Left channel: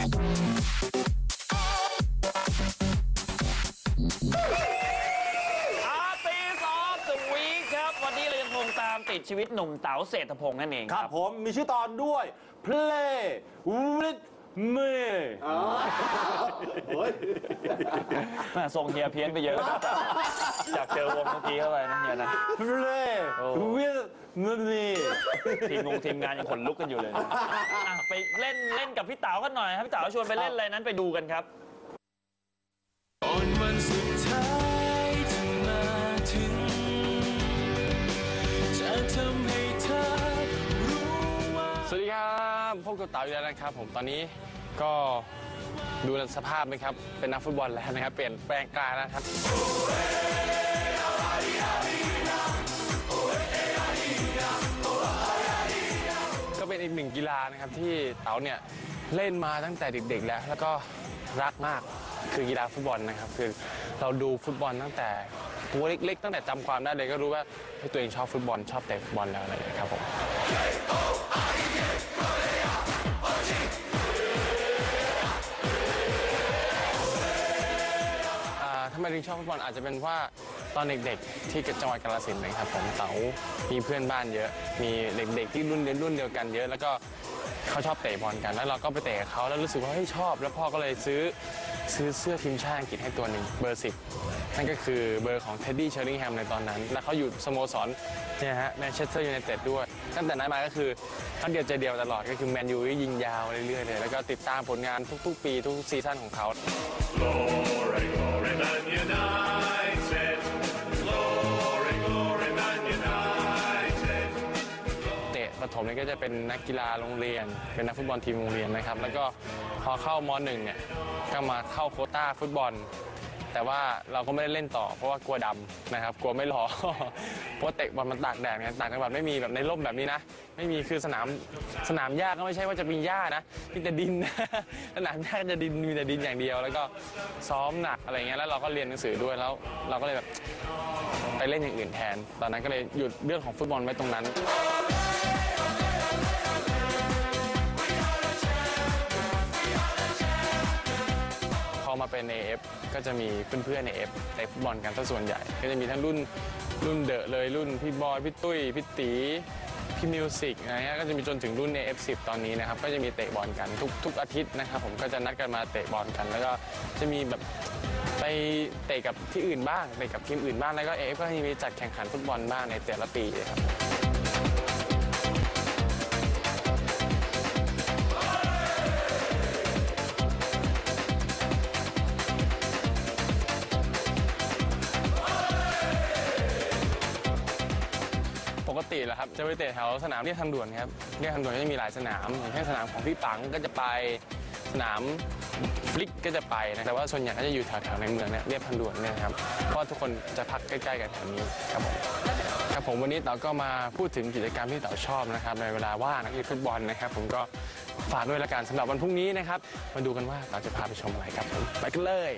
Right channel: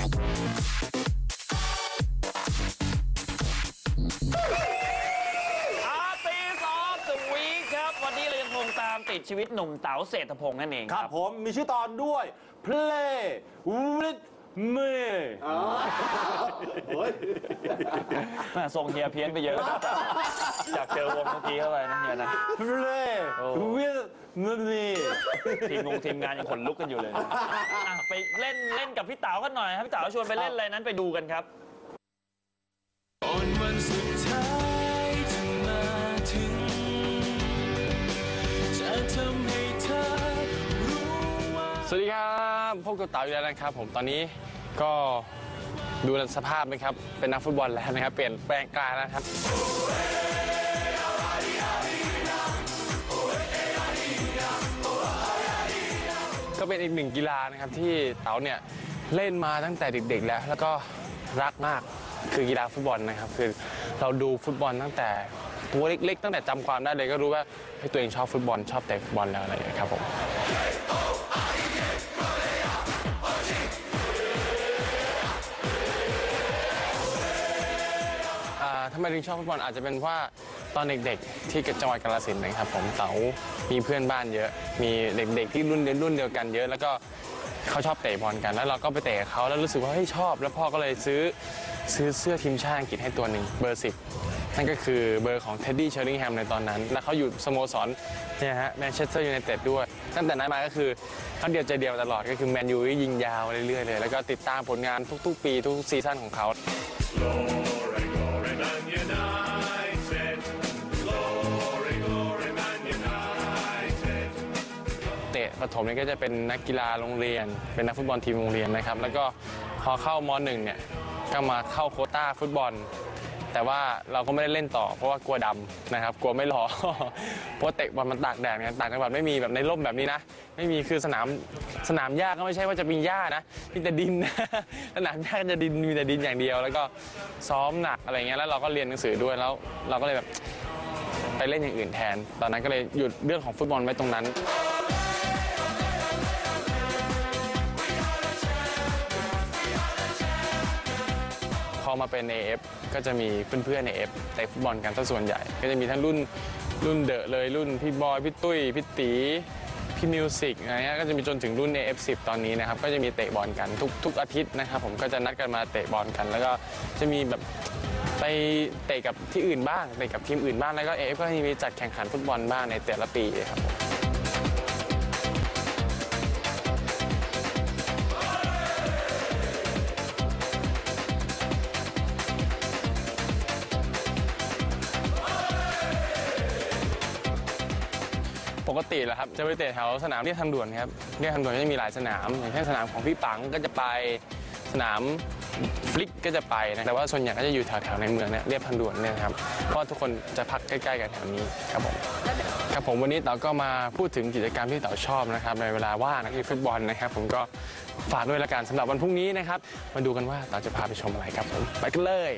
อาร์ติสออฟเดอะวีคครับ วันนี้เรายังคงตามติดชีวิตหนุ่มเต๋าเศรษฐพงษ์นั่นเองคครัรับ บผมมีชื่อตอนด้วย play with me แม่ส่งเฮียเพี้ยนไปเยอะครับจากเจอวงเมื่อกี้เข้าไปนะเฮียนะ play โอ้ with me ทีมงงทีมงานยังขนลุกกันอยู่เลยนะอะไปเล่นเล่นกับพี่เต๋ากันหน่อยครับพี่เต๋าชวนไปเล่นอะไรนั้นไปดูกันครับ บพบกับเต๋าอยู่แล้วนะครับ ผมตอนนี้ก็ดูสภาพนะครับ เป็นนักฟุตบอลแล้วนะครับ เปลี่ยนแปลงกายแล้วครับก็เป็นอีกหนึ่งกีฬานะครับที่เต๋าเนี่ยเล่นมาตั้งแต่เด็กๆแล้ว แล้วก็รักมากคือกีฬาฟุตบอลนะครับ คือเราดูฟุตบอลตั้งแต่ตัวเล็กๆตั้งแต่จำความได้เลยก็รู้ว่าเฮ้ตัวเองชอบฟุตบอลชอบเตะฟุตบอลแล้วอะไรอย่างเงี้ยครับผม ไมถึงชอบฟุตบอลอาจจะเป็นว่าตอนเด็กๆ ที่จังหวัดกาฬสินธุ์นะครับผมเต๋ามีเพื่อนบ้านเยอะ มีเด็กๆที่รุ่นเดียวรุ่นเดียวกันเยอะ แล้วก็เขาชอบเตะบอลกันแล้วเราก็ไปเตะกับเขาแล้วรู้สึกว่าเฮ้ยชอบ แล้วพ่อก็เลยซื้อซื้อเสื้อทีมชาติอังกฤษให้ตัวหนึ่งเบอร์สิบนั่นก็คือเบอร์ของเท็ดดี้เชอริงแฮมในตอนนั้น แล้วเขาอยู่สโมสรเนี่ยฮะแมนเชสเตอร์ยูไนเต็ดด้วย ตั้งแต่นั้นมาก็คือเขาเดียวใจเดียวตลอดก็คือแมนยูยิงยาวเรื่อยๆเลยแล้วก็ติดตามผลงานทุกๆ ปีทุกๆซีซั่นของเขา ประถมเนี่ยก็จะเป็นนักกีฬาโรงเรียน เป็นนักฟุตบอลทีมโรงเรียนนะครับ แล้วก็พอเข้ามหนึ่งเนี่ยก็มาเข้าโควต้าฟุตบอล แต่ว่าเราก็ไม่ได้เล่นต่อ เพราะว่ากลัวดำนะครับ กลัวไม่รอเพราะเตะบอลมันตากแดดไงต่างจังหวัดไม่มีแบบในร่มแบบนี้นะ ไม่มีคือสนามสนามหญ้าก็ไม่ใช่ว่าจะมีหญ้านะมีแต่ดินสนามหญ้าจะดินมีแต่ดินอย่างเดียว แล้วก็ซ้อมหนักอะไรเงี้ยแล้วเราก็เรียนหนังสือด้วยแล้ว เราก็เลยแบบไปเล่นอย่างอื่นแทน ตอนนั้นก็เลยหยุดเรื่องของฟุตบอลไว้ตรงนั้น มาเป็น AF ก็จะมีเพื่อนๆใน AF เตะฟุตบอลกันซะส่วนใหญ่ ก็จะมีทั้งรุ่นรุ่นเดอะเลยรุ่นพี่บอยพี่ตุ้ยพี่ตีพี่มิวสิกอะไรเงี้ยก็จะมีจนถึงรุ่น AF10 ตอนนี้นะครับก็จะมีเตะบอลกันทุกทุกอาทิตย์นะครับผมก็จะนัดกันมาเตะบอลกัน แล้วก็จะมีแบบไปเตะกับที่อื่นบ้างเตะกับทีมอื่นบ้างแล้วก็ AF ก็จะมีจัดแข่งขันฟุตบอลบ้างในแต่ละปีครับ ติแหละครับจะไปเตะแถวสนามเรียบทางด่วนครับเรียบทางด่วนก็จะมีหลายสนามอย่างเช่นสนามของพี่ปังก็จะไปสนามฟลิกก็จะไปนะแต่ว่าส่วนใหญ่ก็จะอยู่แถวๆในเมืองเนี่ยเรียบทางด่วนเนี่ยครับเพราะทุกคนจะพักใกล้ๆกันแถวนี้ครับผมครับผมวันนี้เต๋าก็มาพูดถึงกิจกรรมที่เต๋าชอบนะครับในเวลาว่างนะคือฟุตบอลนะครับผมก็ฝากด้วยละกันสำหรับวันพรุ่งนี้นะครับมาดูกันว่าเต๋าจะพาไปชมอะไรครับผมไปกันเลย